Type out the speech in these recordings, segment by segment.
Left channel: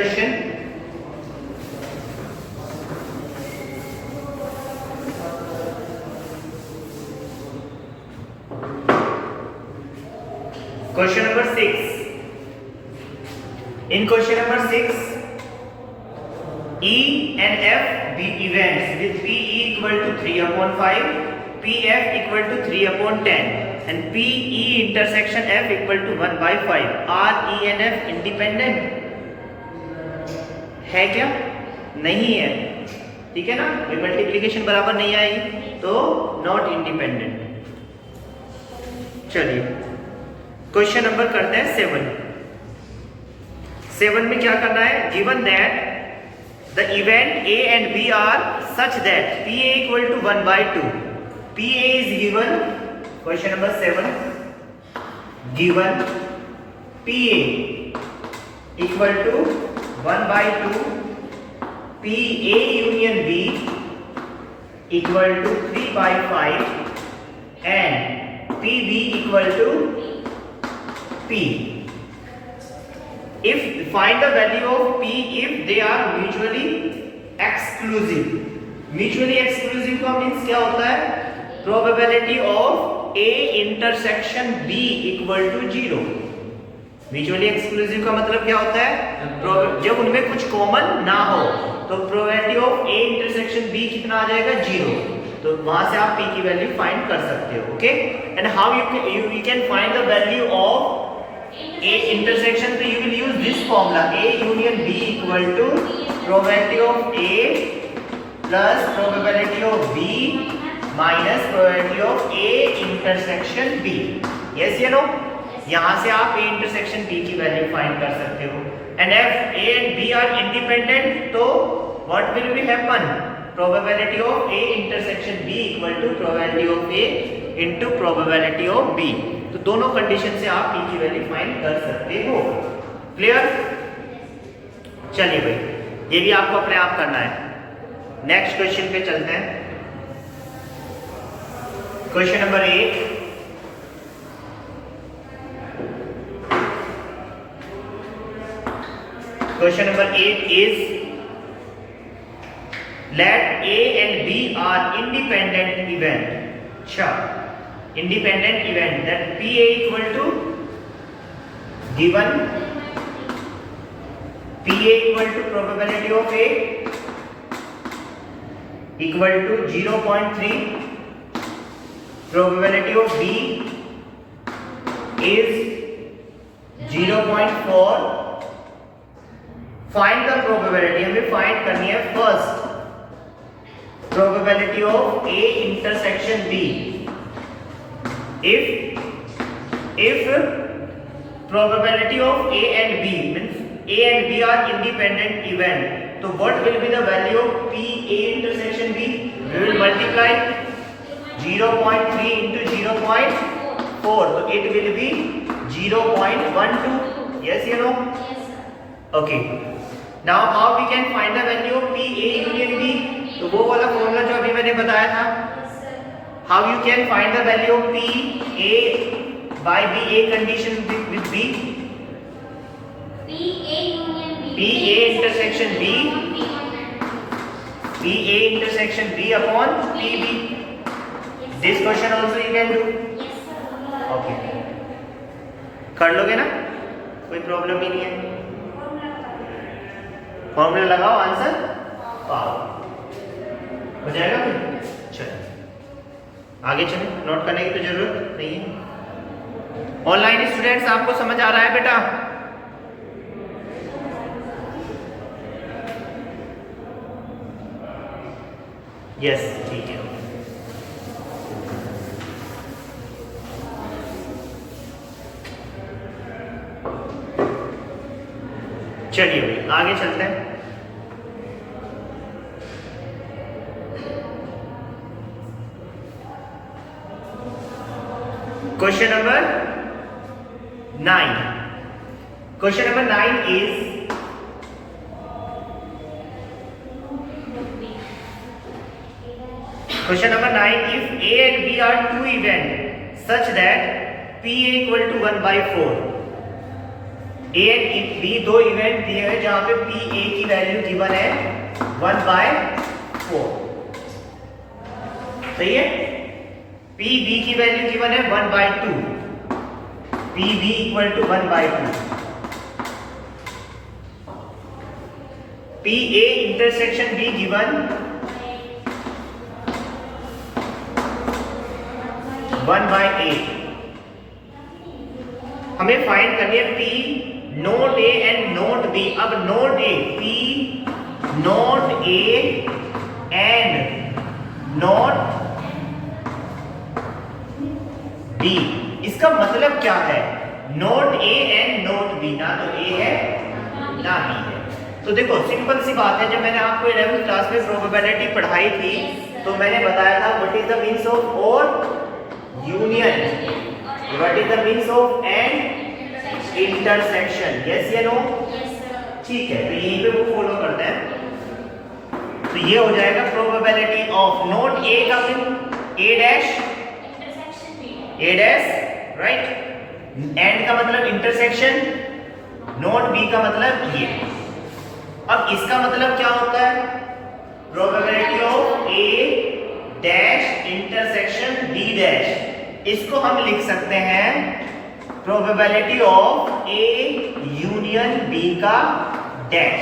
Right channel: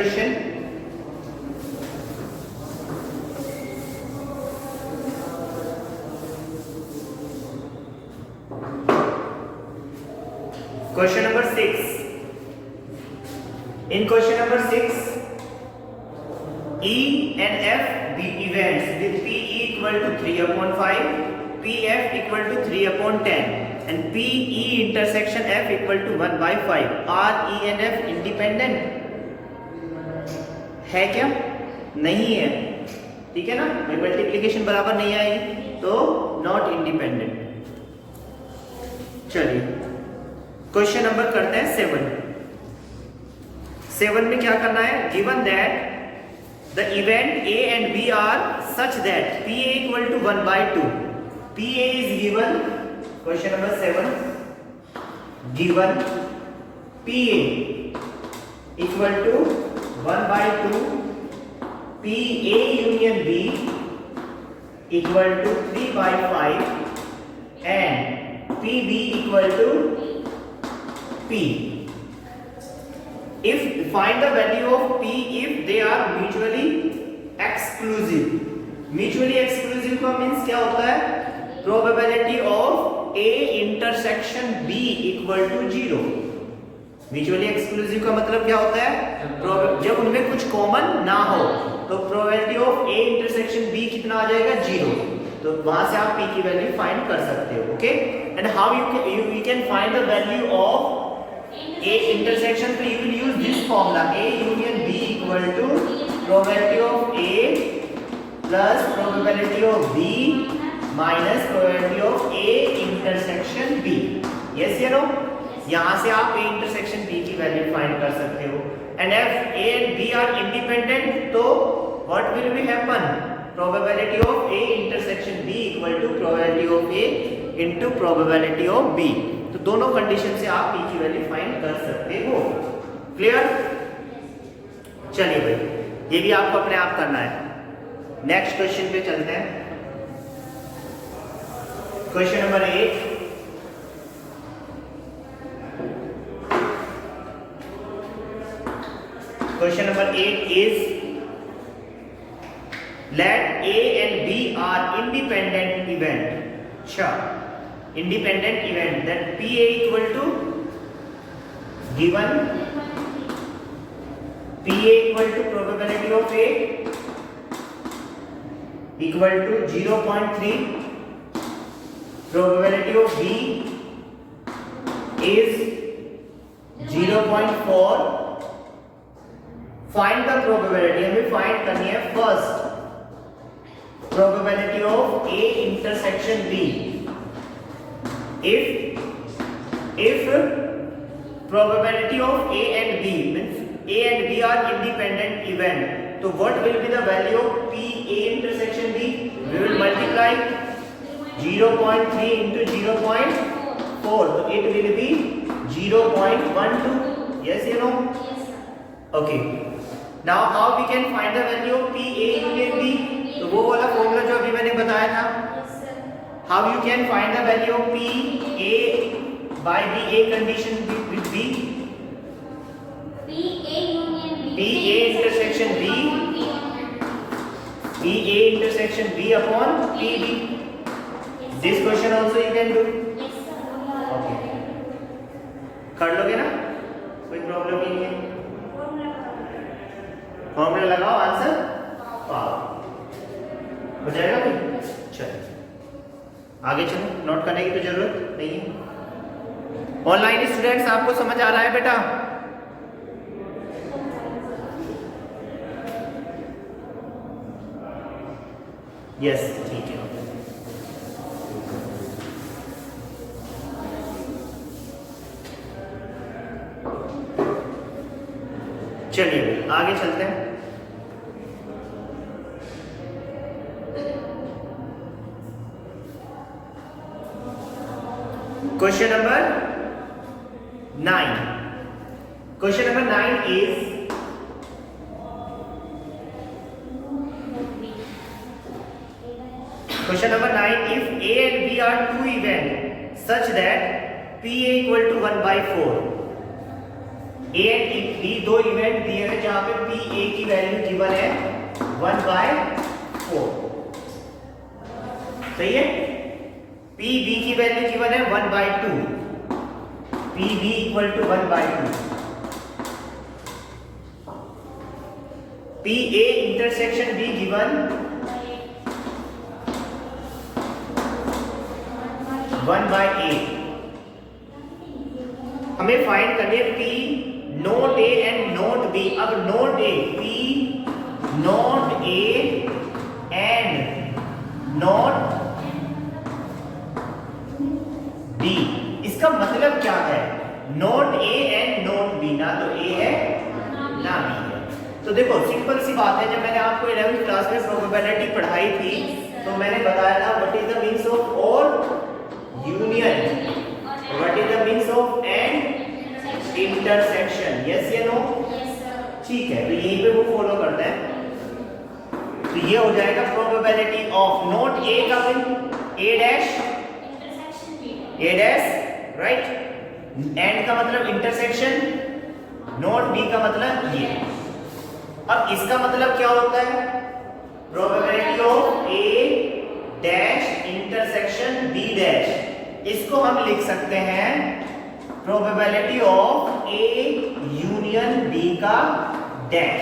Question, question number 6. In question number 6, E and F be events with PE equal to 3/5, PF equal to 3/10 and PE intersection F equal to 1/5. Are E and F independent? है क्या? नहीं है, ठीक है ना, multiplication बराबर नहीं आएगी तो नॉट इंडिपेंडेंट. चलिए क्वेश्चन नंबर करते हैं 7. 7 में क्या करना है? Given that the event A and B are such that PA equal to 1/2. PA is given. Question number 7. Given PA equal to 1/2. PA union B equal to 3/5 and PB equal to P. If find the value of P if they are mutually exclusive. Mutually exclusive का means क्या होता है? Probability of A intersection B equal to 0. Mutually exclusive का मतलब क्या होता है? जब उनमें कुछ कॉमन ना हो तो probability of A intersection B कितना आ जाएगा? 0. तो वहां से आप P की वैल्यू फाइंड कर सकते हो. Okay, and how you can find the value of A intersection, so you will use this formula A union B equal to probability of A plus probability of B minus probability of A intersection B. Yes या no? यहाँ से आप A intersection B की value find कर सकते हो. And if A and B are independent, तो what will be happen? Probability of A intersection B equal to probability of A into probability of B. तो दोनों कंडीशन से आप P की वैल्यू फाइंड कर सकते हो. क्लियर? चलिए भाई, ये भी आपको अपने आप करना है. नेक्स्ट क्वेश्चन पे चलते हैं. Question number 8. Question number 8 is let A and B are independent event. अच्छा, independent event that PA equal to given PA equal to probability of A equal to 0.3, probability of B is 0.4. find the probability, हमें find करनी है first probability of A intersection B. If probability of A and B means A and B are independent event, so what will be the value of P A intersection B? We will multiply 0.3 into 0.4, so it will be 0.12. Yes you know? Okay, now how we can find the value of P A union B? तो वो वाला formula जो अभी मैंने बताया था. How you can find the value of P A by B A condition with B? P A union B. P A intersection B. P A intersection B upon P B. This question also you can do. Okay. कर लोगे ना? कोई problem ही नहीं है. Formula लगाओ, answer पाओ. हो जाएगा फिर. चलो आगे चलो, नोट करने की तो जरूरत नहीं है. ऑनलाइन स्टूडेंट्स आपको समझ आ रहा है बेटा? यस, ठीक है. चलिए आगे चलते हैं. Question number 9. Question number 9 is question number 9. If A and B are two events such that PA equal to 1/4. A and B दो इवेंट दिए हैं जहां पे पी ए की वैल्यू गिवन है 1/4, सही है। पी बी की वैल्यू गिवन है 1/2, P B equal to 1/2, P A intersection B given 1/8। हमें फाइंड करनी है P not A and not B. अब not A, P not A and not B, इसका मतलब क्या है? Not A and not B, ना तो ए है ना बी है। तो देखो सिंपल सी बात है, जब मैंने आपको 11th क्लास में प्रोबेबिलिटी पढ़ाई थी तो मैंने बताया था what is the means of or union, what is the means of and intersection, yes या नो? ठीक है, तो यहीं पे वो फॉलो करते हैं। तो ये हो जाएगा प्रोबेबिलिटी ऑफ नोट ए का mean A dash right, and का मतलब इंटरसेक्शन, नोट बी का मतलब ये। अब इसका मतलब क्या होता है? Probability of A dash intersection B dash, इसको हम लिख सकते हैं probability of A union B का डैश।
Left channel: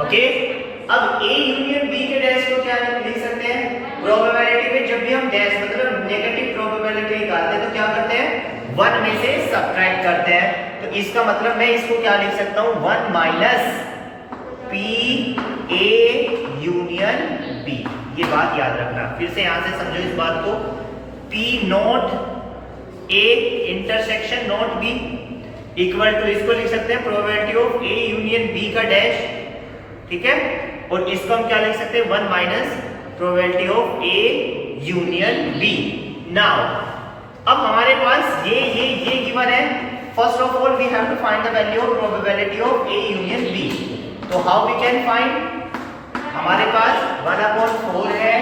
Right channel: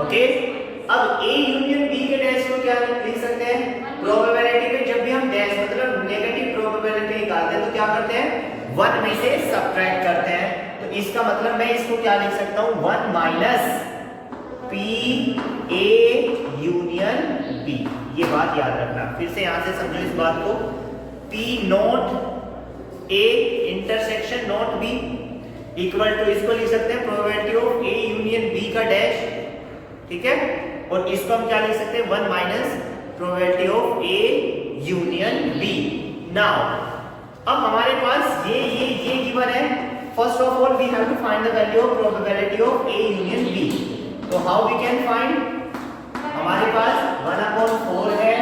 ओके, अब ए यूनियन बी के डैश को क्या लिख सकते हैं? प्रोबेबिलिटी में जब भी हम डैश मतलब नेगेटिव प्रोबेबिलिटी निकालते हैं तो क्या करते हैं? 1 में से सब्ट्रैक्ट करते हैं। तो इसका मतलब मैं इसको क्या लिख सकता हूं? 1 minus P A union B. ये बात याद रखना, फिर से यहां से समझो इस बात को। P not A intersection not B equal to, इसको लिख सकते हैं probability of A union B का डैश, ठीक है। और इसको हम क्या लिख सकते हैं? 1 minus probability of A union B. Now अब हमारे पास ये गिवन है। First of all we have to find the value of probability of A union B. तो हाउ वी कैन फाइंड? हमारे पास 1/4 है,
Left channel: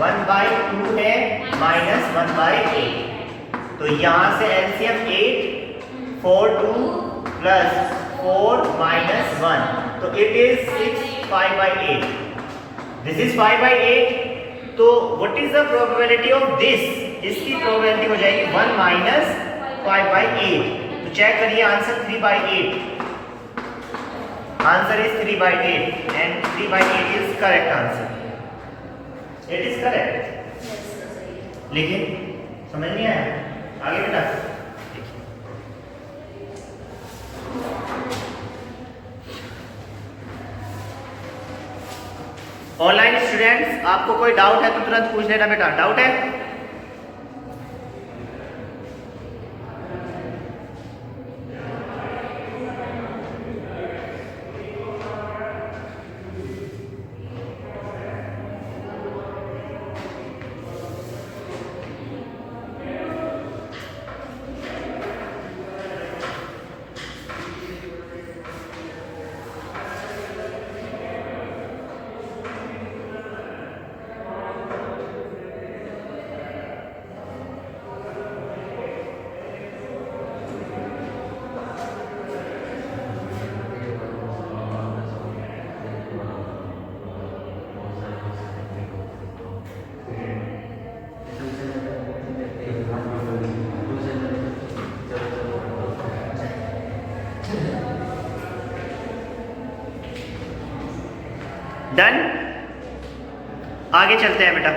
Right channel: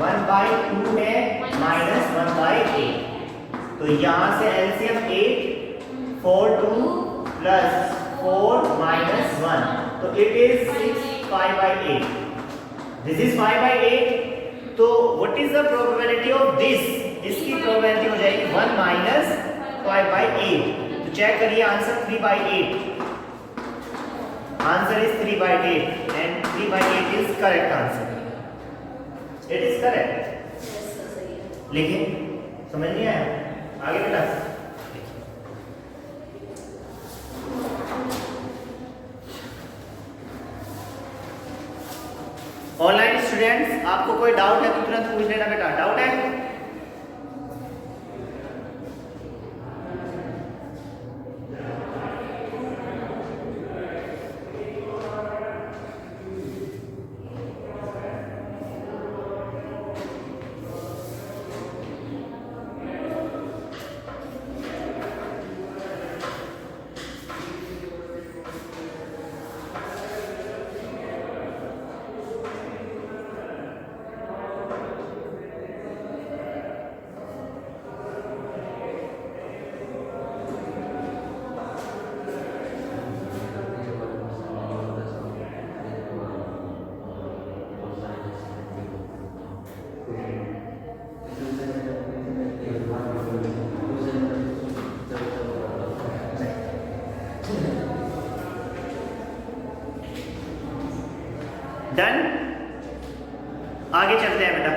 1/2 है, माइनस 1/8। तो यहां से एलसीएम 8, 4 2 प्लस 4 माइनस 1, तो इट इज 6, 5/8। This is 5/8। तो what is the probability of this? इसकी प्रोबेबिलिटी हो जाएगी 1 माइनस 5/8। तो चेक करिए answer 3/8। Answer is 3/8 and 3/8 is correct answer. It is correct. लिखिए, समझ नहीं आया? आगे बेटा ऑनलाइन स्टूडेंट्स, आपको कोई डाउट है तो तुरंत पूछ लेना बेटा। डाउट है? डन। आगे चलते हैं बेटा।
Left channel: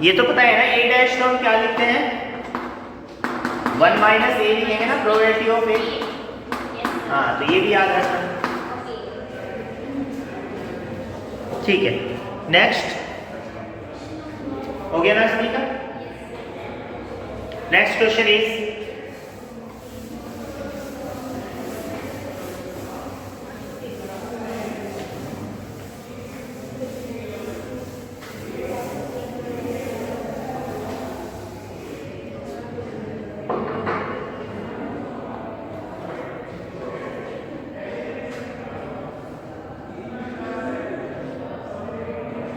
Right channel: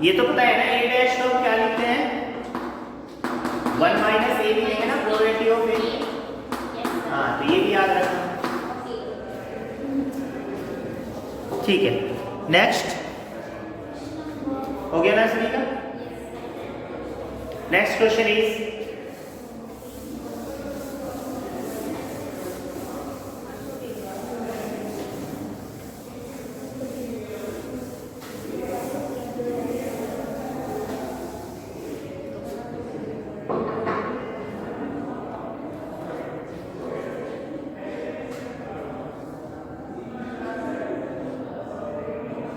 ये तो पता है ना, ए डैश को हम क्या लिखते हैं? 1 माइनस ए लिखेंगे ना, प्रोबेबिलिटी ऑफ ए। हाँ, तो ये भी याद रखना। ठीक है, नेक्स्ट हो गया ना सभी का? Next question is